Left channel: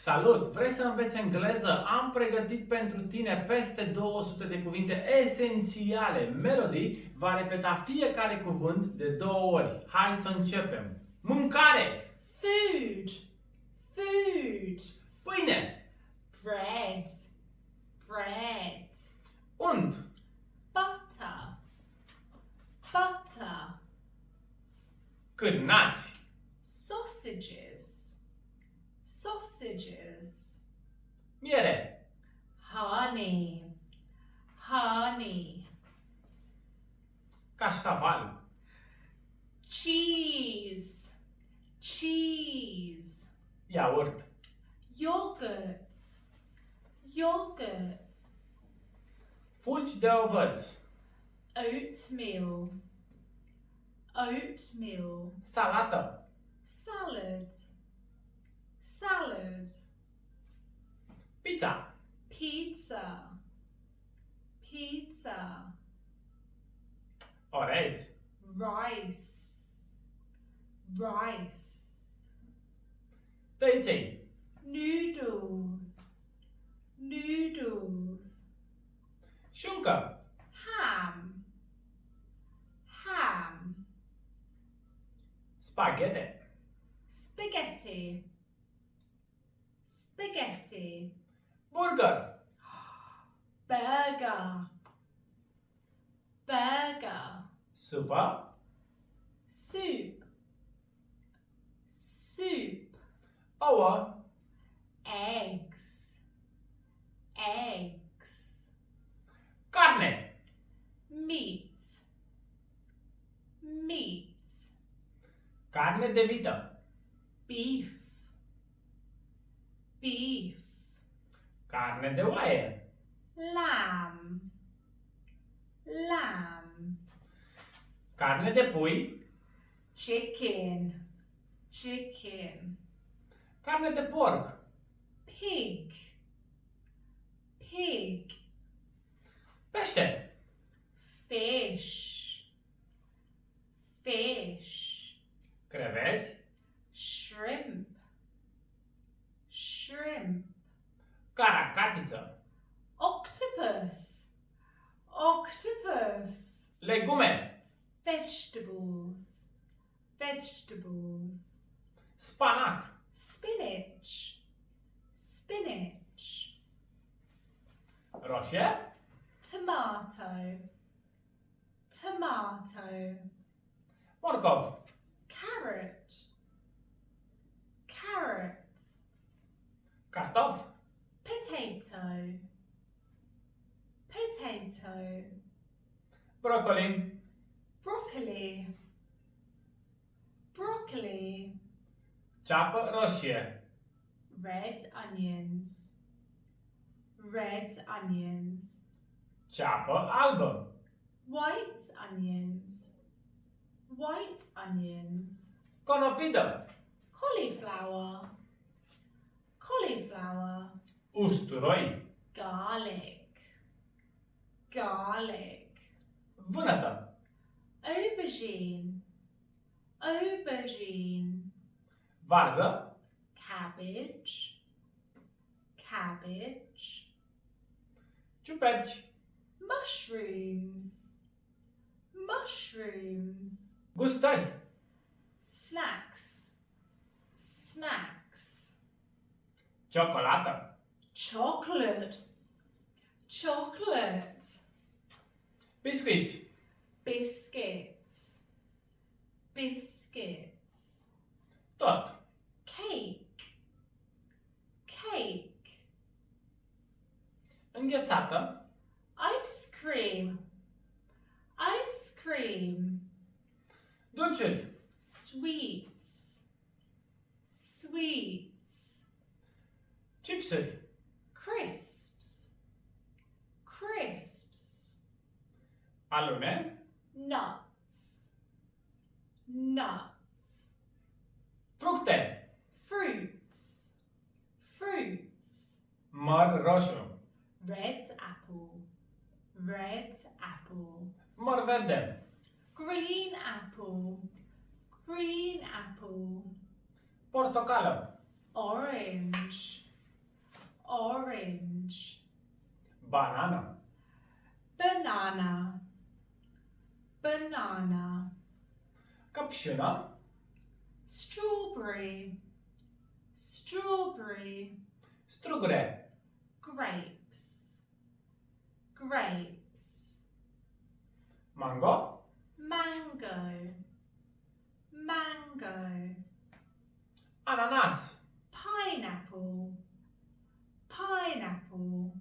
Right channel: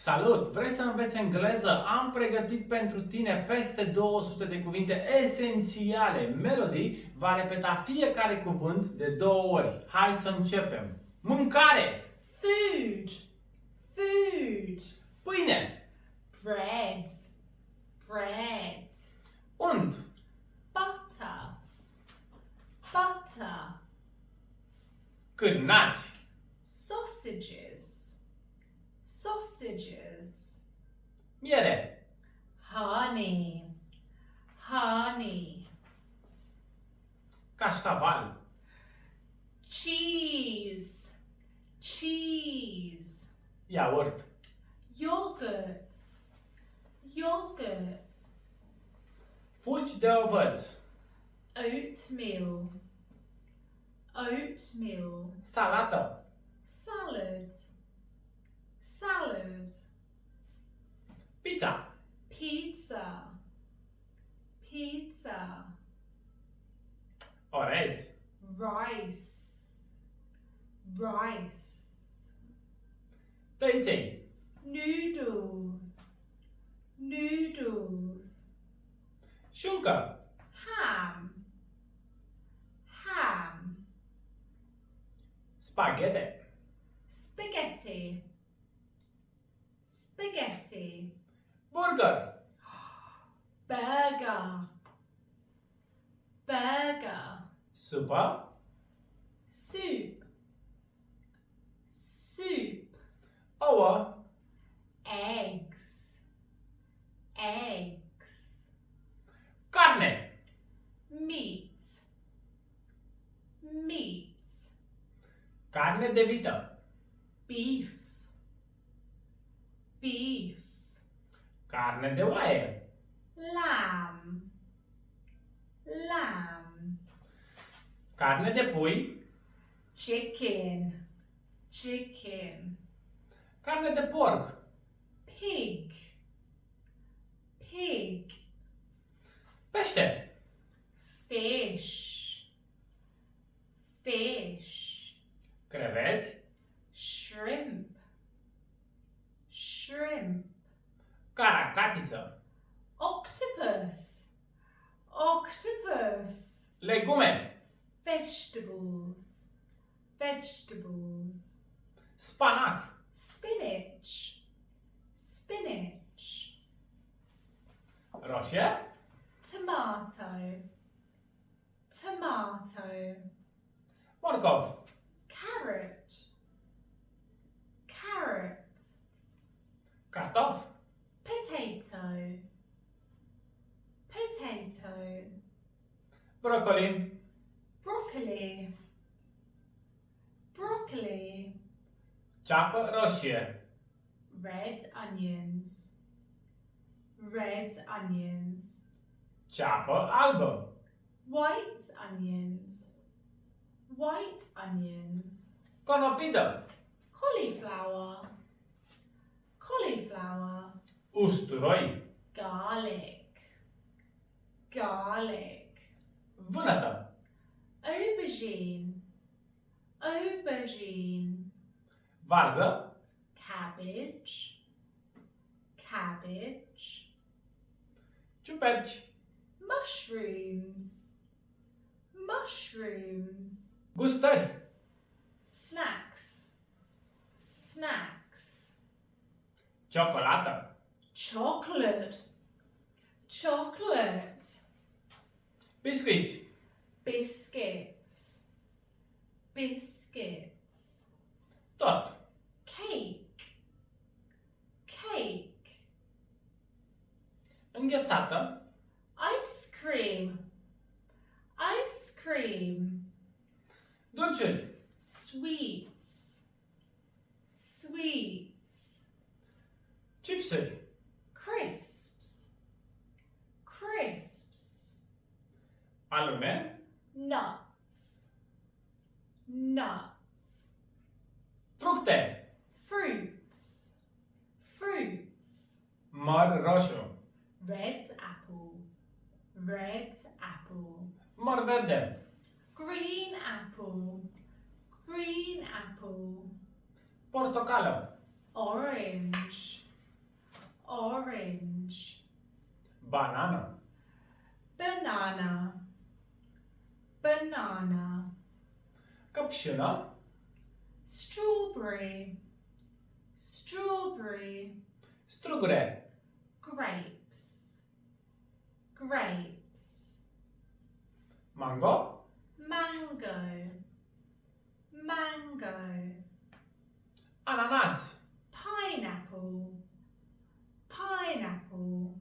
Salut! Vrei să înveți engleză? Am pregătit pentru tine peste 200 de cuvinte esențiale. Melody va repeta fiecare cuvânt de 2 ori. Hai să începem! Mâncare! Food, food. Pâine! Bread, bread. Unt! Butter, butter. Cârnați! Sausages, sausages. Miere! Honey, honey. Cașcaval! Cheese, cheese. Iaurt! Yogurt, yogurt. Fulgi de ovăz! Oatmeal, oatmeal. Salată! Salad, salad. Pizza! Pizza, pizza. Orez! Rice, rice. Tăiței! Noodles, noodles. Șuncă! Ham, ham. Spaghete! Spaghetti, spaghetti. Burger! Burger, burger. Supă! Soup, soup. Ouă! Eggs, eggs. Carne! Meat, meat. Carne de vită! Beef, beef. Carne de oaie! Lamb, lamb. Carne de pui! Chicken, chicken. Carne de porc! Pig, pig. Pește! Fish, fish. Creveți! Shrimp, shrimp. Caracatiță! Octopus, octopus. Legume! Vegetables, vegetables. Spanac! Spinach, spinach. Roșie! Tomato, tomato. Morcov! Carrot, carrot. Cartof! Potato, potato. Brocoli! Broccoli, broccoli. Ceapă roșie! Red onions, red onions. Ceapă albă! White onions, white onions. Conopidă! Cauliflower, cauliflower. Usturoi! Garlic, garlic. Vânătă! Aubergine, aubergine. Varză! Cabbage, cabbage. Ciuperci! Mushrooms, mushrooms. Gustări! Snacks, snacks. Ciocolată! Chocolate, chocolate. Biscuiți! Biscuits, biscuits. Tort! Cake, cake. Înghețată! Ice cream, ice cream. Dulciuri! Sweets, sweets. Chipsuri! Crisps, crisps. Alune! Nuts, nuts. Fructe! Fruits, fruits. Măr roșu! Red apple, red apple. Măr verde! Green apple, green apple. Portocală! Orange, Banană. banana, banana, Căpșună. strawberry, strawberry, Strugure. grapes, grapes, Mango. mango, mango, Ananas. pineapple, pineapple,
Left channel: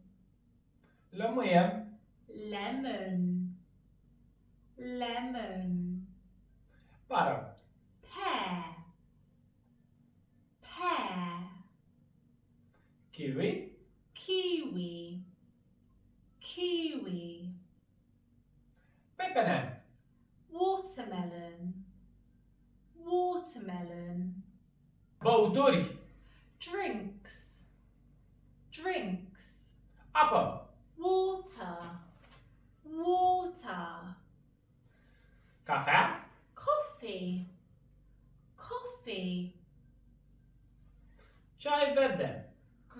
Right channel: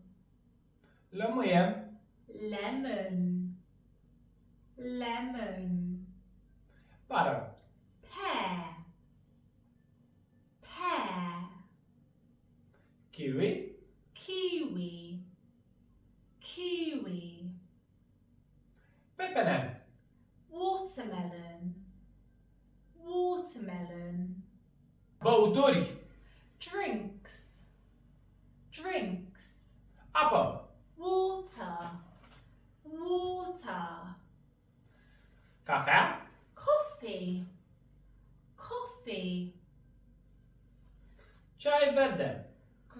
Lămâie. lemon, lemon, Pară. pear, pear, Kiwi. kiwi, kiwi, Pepene. watermelon, watermelon, Băuturi. drinks, drinks, Apă. water, water, Cafea. coffee, coffee, Ceai verde.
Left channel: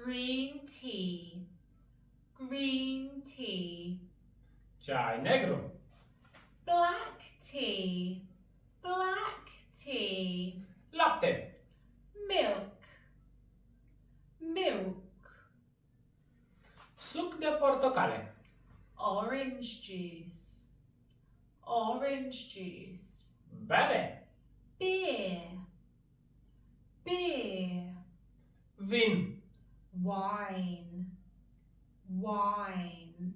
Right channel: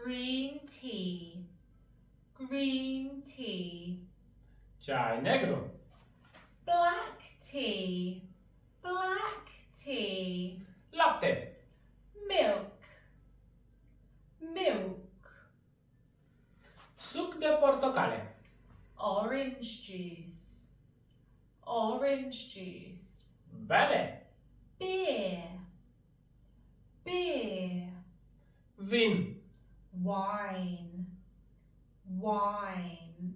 green tea, green tea, Ceai negru. black tea, black tea, Lapte. milk, milk, Suc de portocale. orange juice, orange juice, Bere. beer, beer, Vin. wine, wine,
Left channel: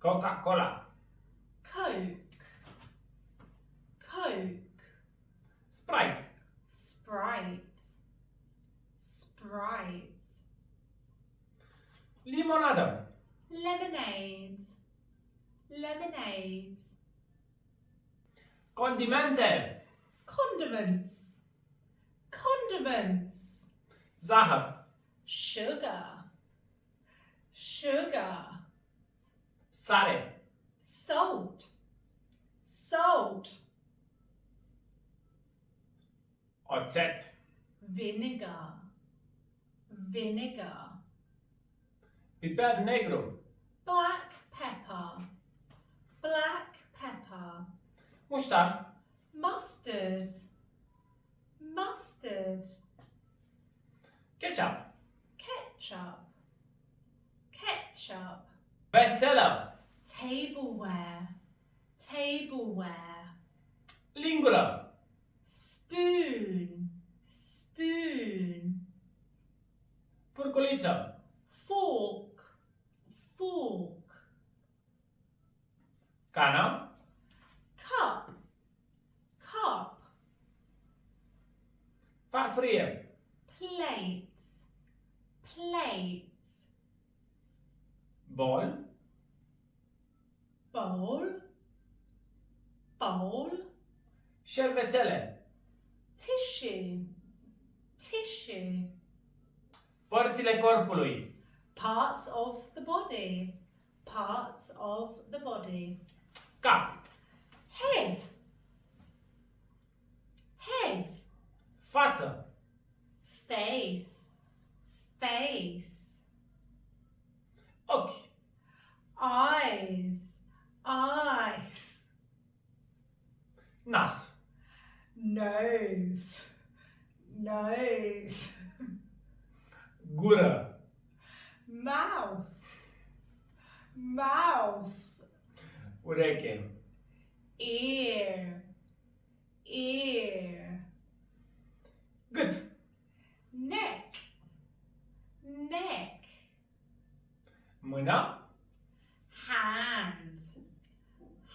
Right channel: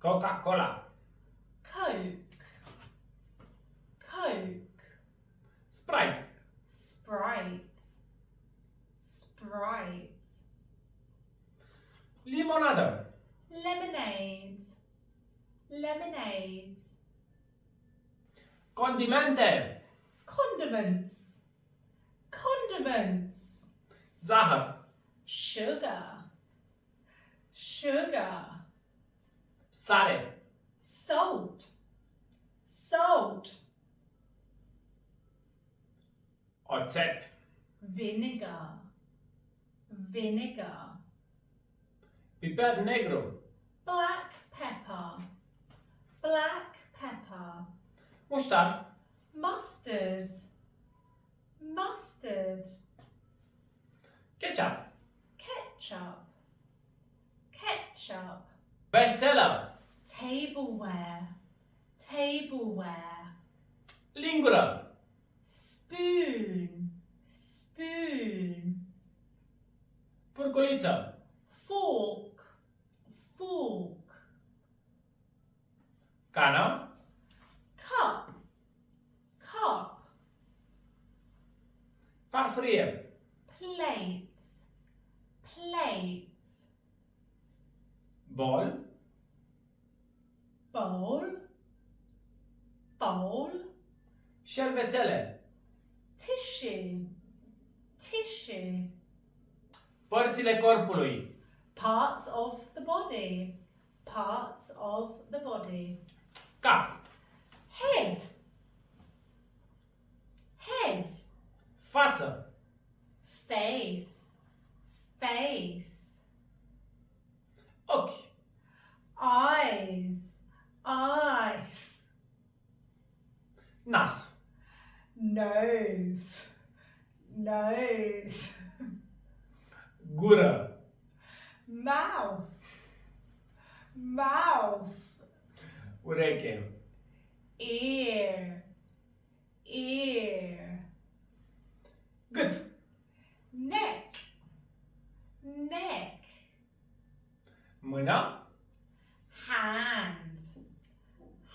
Coca-Cola. Coke, Coke, Sprite. Sprite, Sprite, Limonadă. lemonade, lemonade, Condimente. condiments, condiments, Zahăr. sugar, sugar, Sare. salt, salt, Oțet. vinegar, vinegar, Piper negru. black pepper, black pepper, Muștar. mustard, mustard, Ketchup. ketchup, ketchup, Veselă. tableware, tableware, Lingură. spoon, spoon, Furculiță. fork, fork, Cană. cup, cup, Farfurie. plate, plate, Bol. bowl, bowl, Șervețele. tissue, tissue, Părțile corpului. parts of the body, parts of the body, Cap. head, head, Față. face, face, Ochi. eyes, eyes, Nas. nose, nose, Gură. mouth, mouth, Ureche. ear, ear, Gât. neck, neck, Mână. hand,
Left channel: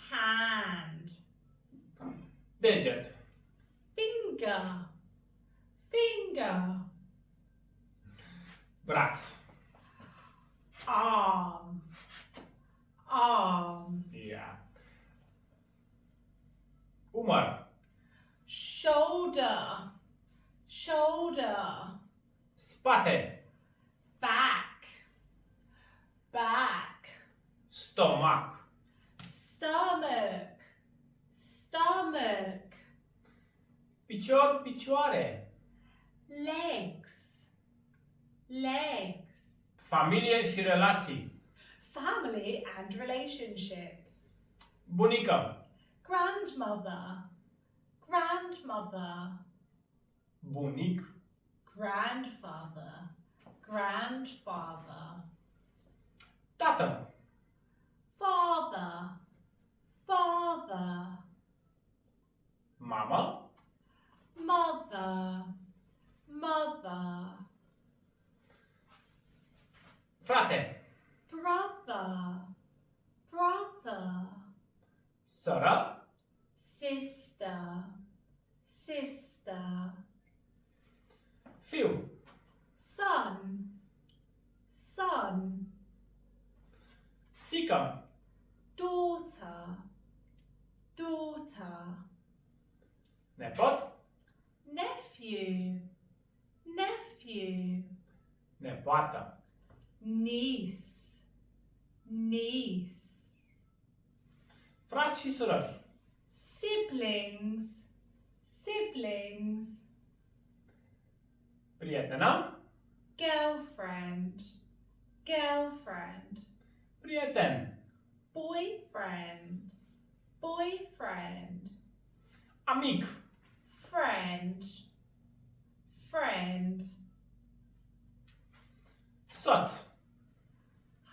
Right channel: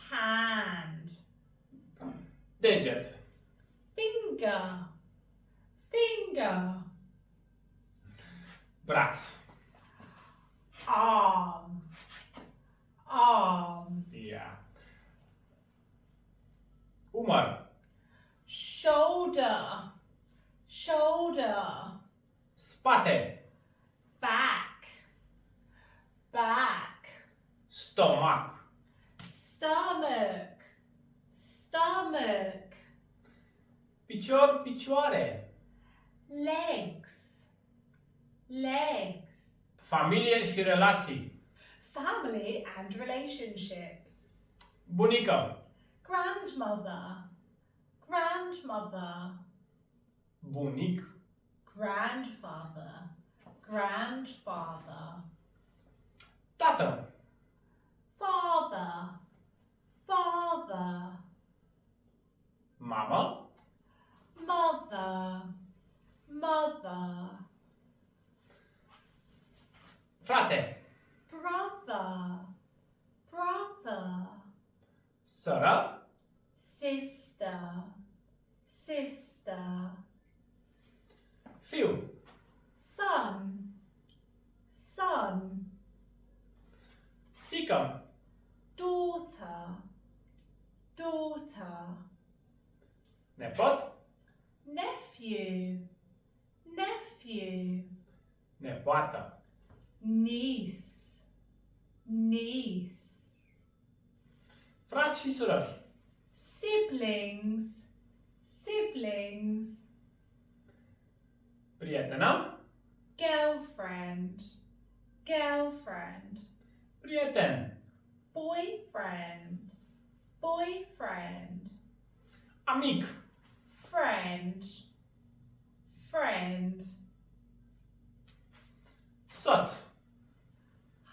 hand, Deget. finger, finger, Braț. arm, arm, Ia. Umăr. shoulder, shoulder, Spate. back, back, Stomac. stomach, stomach, Picior, picioare. legs, legs, Familie și relații. family and relationships. Bunică. Grandmother, grandmother. Bunic. Grandfather, grandfather. Tată. Father, father. Mamă. Mother, mother. Frate. Brother, brother. Soră. Sister, sister. Fiu. Son, son. Fică. Daughter, daughter. Nepot. Nephew, nephew. Nepoată. Niece, niece. Frați și surori. Siblings, siblings. Prietenă. Girlfriend, girlfriend. Prieten. Boyfriend, boyfriend. Amic. Friend, friend. Soț.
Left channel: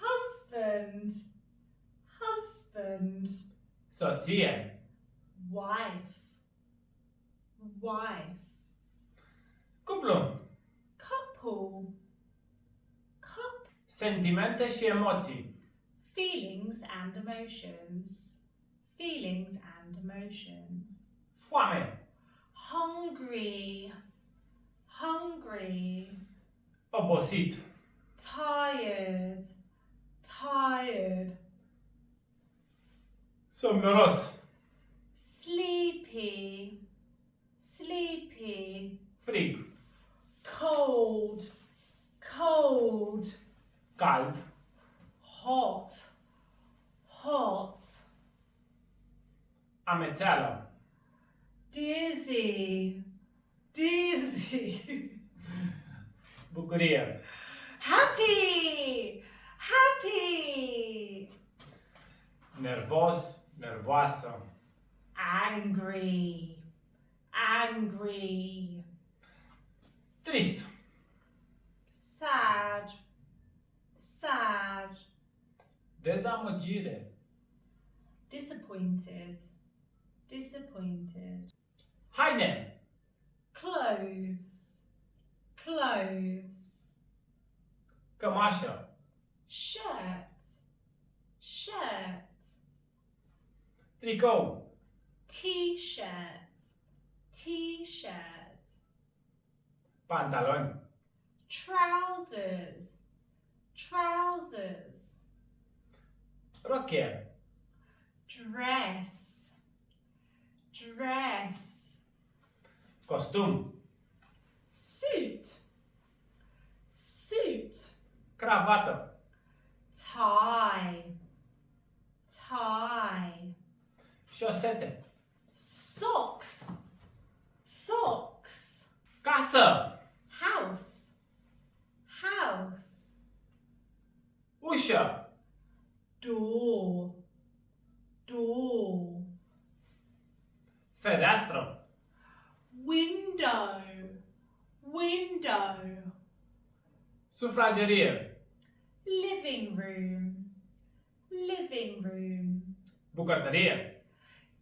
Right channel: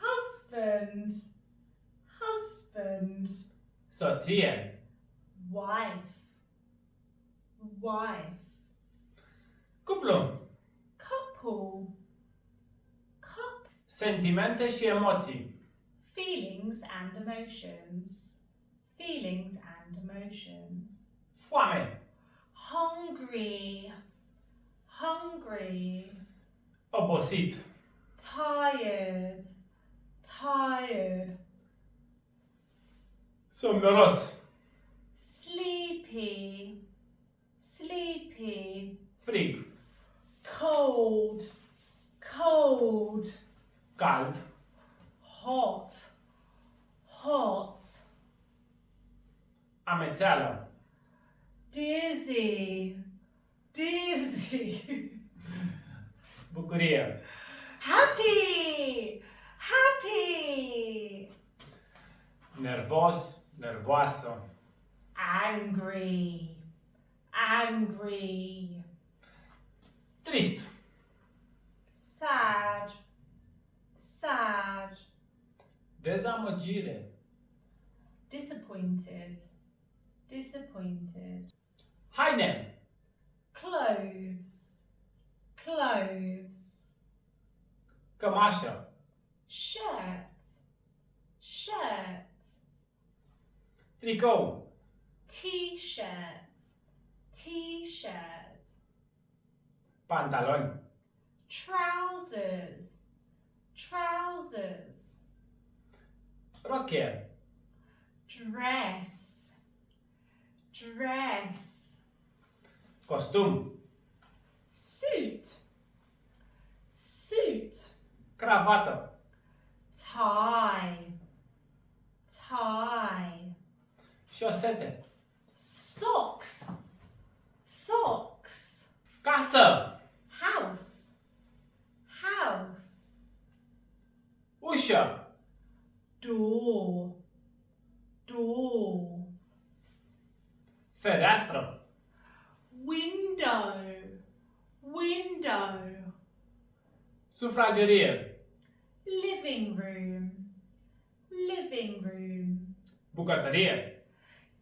Husband, husband. Soție. Wife, wife. Cuplu. Couple, couple. Sentimente și emoții. Feelings and emotions, feelings and emotions. Foame. Hungry, hungry. Obosit. Tired, tired. Somnoros. Sleepy, sleepy. Frig. Cold, cold. Cald. Hot, hot. Amețeală. Dizzy, dizzy. Bucurie. Happy, happy. Nervos. Nervoasă. Angry, angry. Trist. Sad, sad. Dezamăgire. Disappointed, disappointed. Haine. Clothes, clothes. Cămașă. Shirt, shirt. Tricou. T-shirt, t-shirt. Pantaloni. Trousers, trousers. Rocher. Dress, dress. Costum. Suit, suit. Cravată. Tie, tie. Șosete. Socks, socks. Casă. House, house. Ușă. Door, door. Fereastră. Window, window. Sufragerie. Living room, living room. Bucătărie.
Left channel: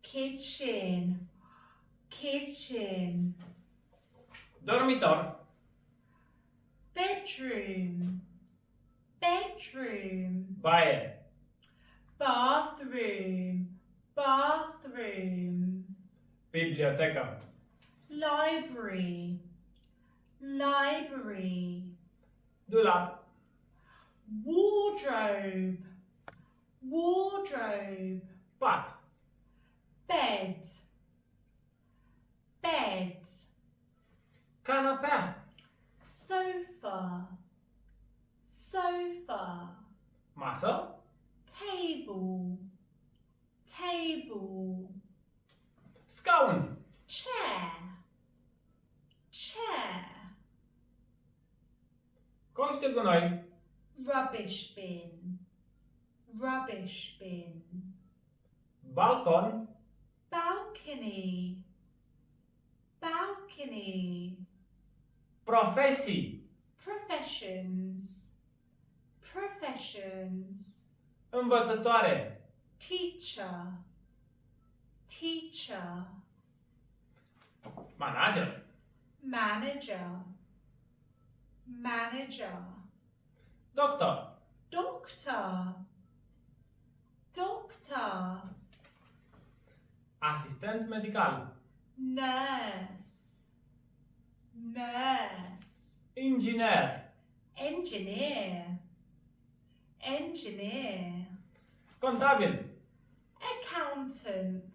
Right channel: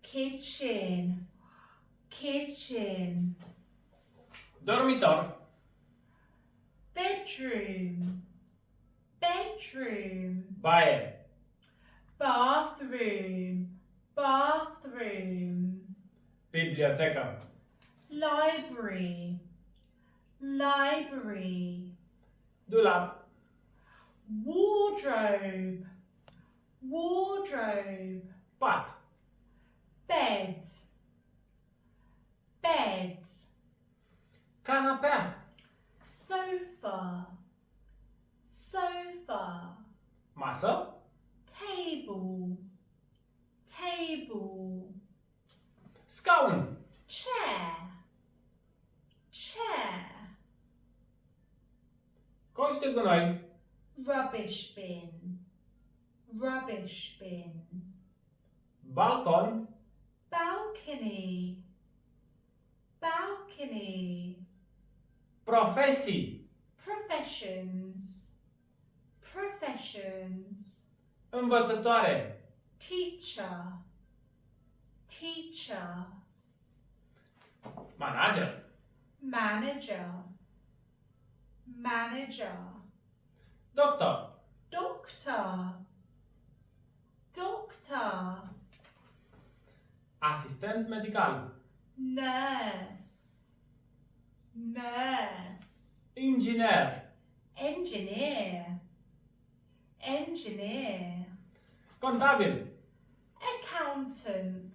Kitchen, kitchen. Dormitor. Bedroom, bedroom. Baie. Bathroom, bathroom. Bibliotecă. Library, library. Dulap. Wardrobe, wardrobe. Pat. Bed, bed. Canapea. Sofa, sofa. Masă. Table, table. Scaun. Chair, chair. Coș de gunoi. Rubbish bin, rubbish bin, balcon, balcony, balcony, profesii, professions, professions, învățătoare, teacher, teacher, manager, manager, manager, doctor, doctor, doctor, asistent medical, nurse, nurse, inginer, engineer, engineer, contabil, accountant,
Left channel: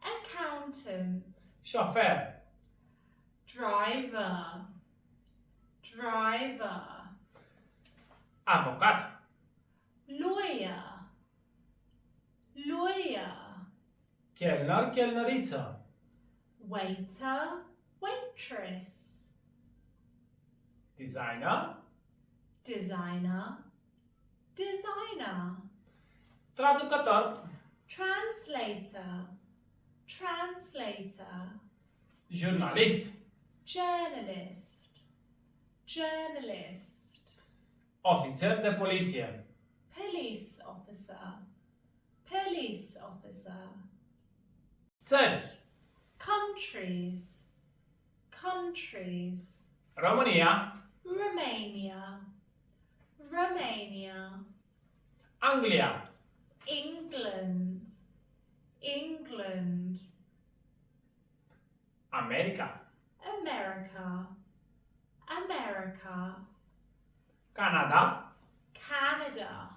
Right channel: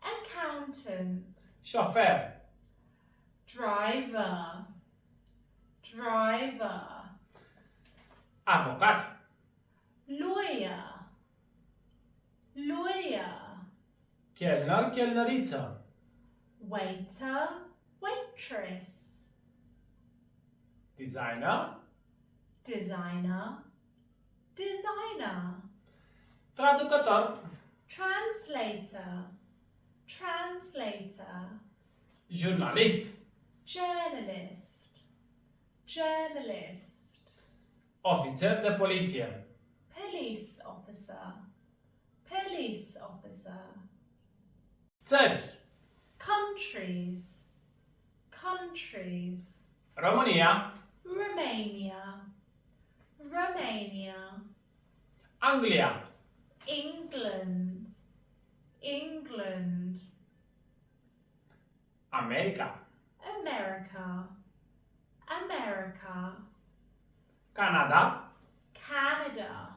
accountant, șofer, driver, driver, avocat, lawyer, lawyer, chelner, chelnăriță, waiter, waitress, designer, designer, designer, traducător, translator, translator, jurnalist, journalist, journalist, ofițer de poliție, police officer, police officer, țări, countries, countries, România, Romania, Romania, Anglia, England, England, America, America, America, Canada, Canada,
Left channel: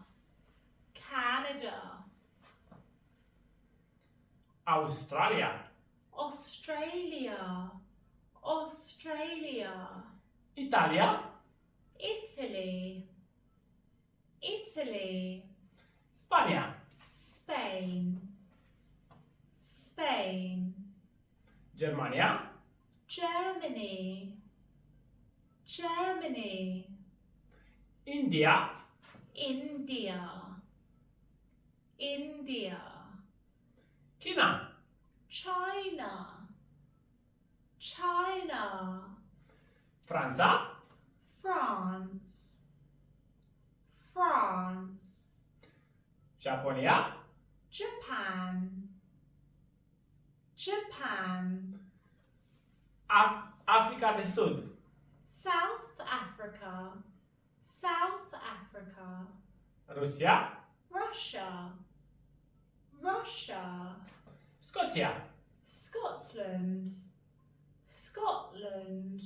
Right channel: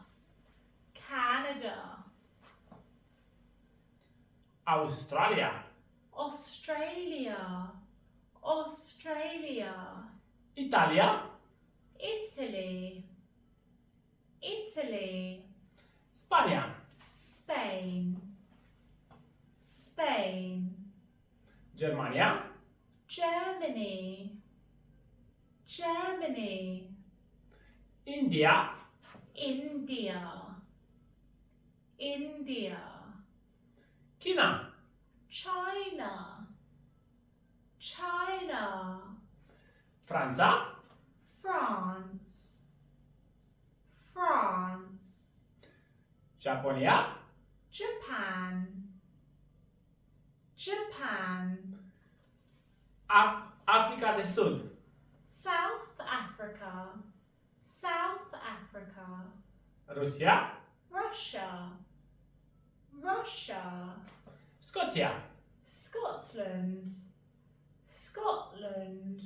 Canada, Australia, Australia, Australia, Italia, Italy, Italy, Spania, Spain, Spain, Germania, Germany, Germany, India, India, India, China, China, China, Franța, France, France, Japonia, Japan, Japan, Africa de Sud, South Africa, South Africa, Rusia, Russia, Russia, Scoția, Scotland, Scotland,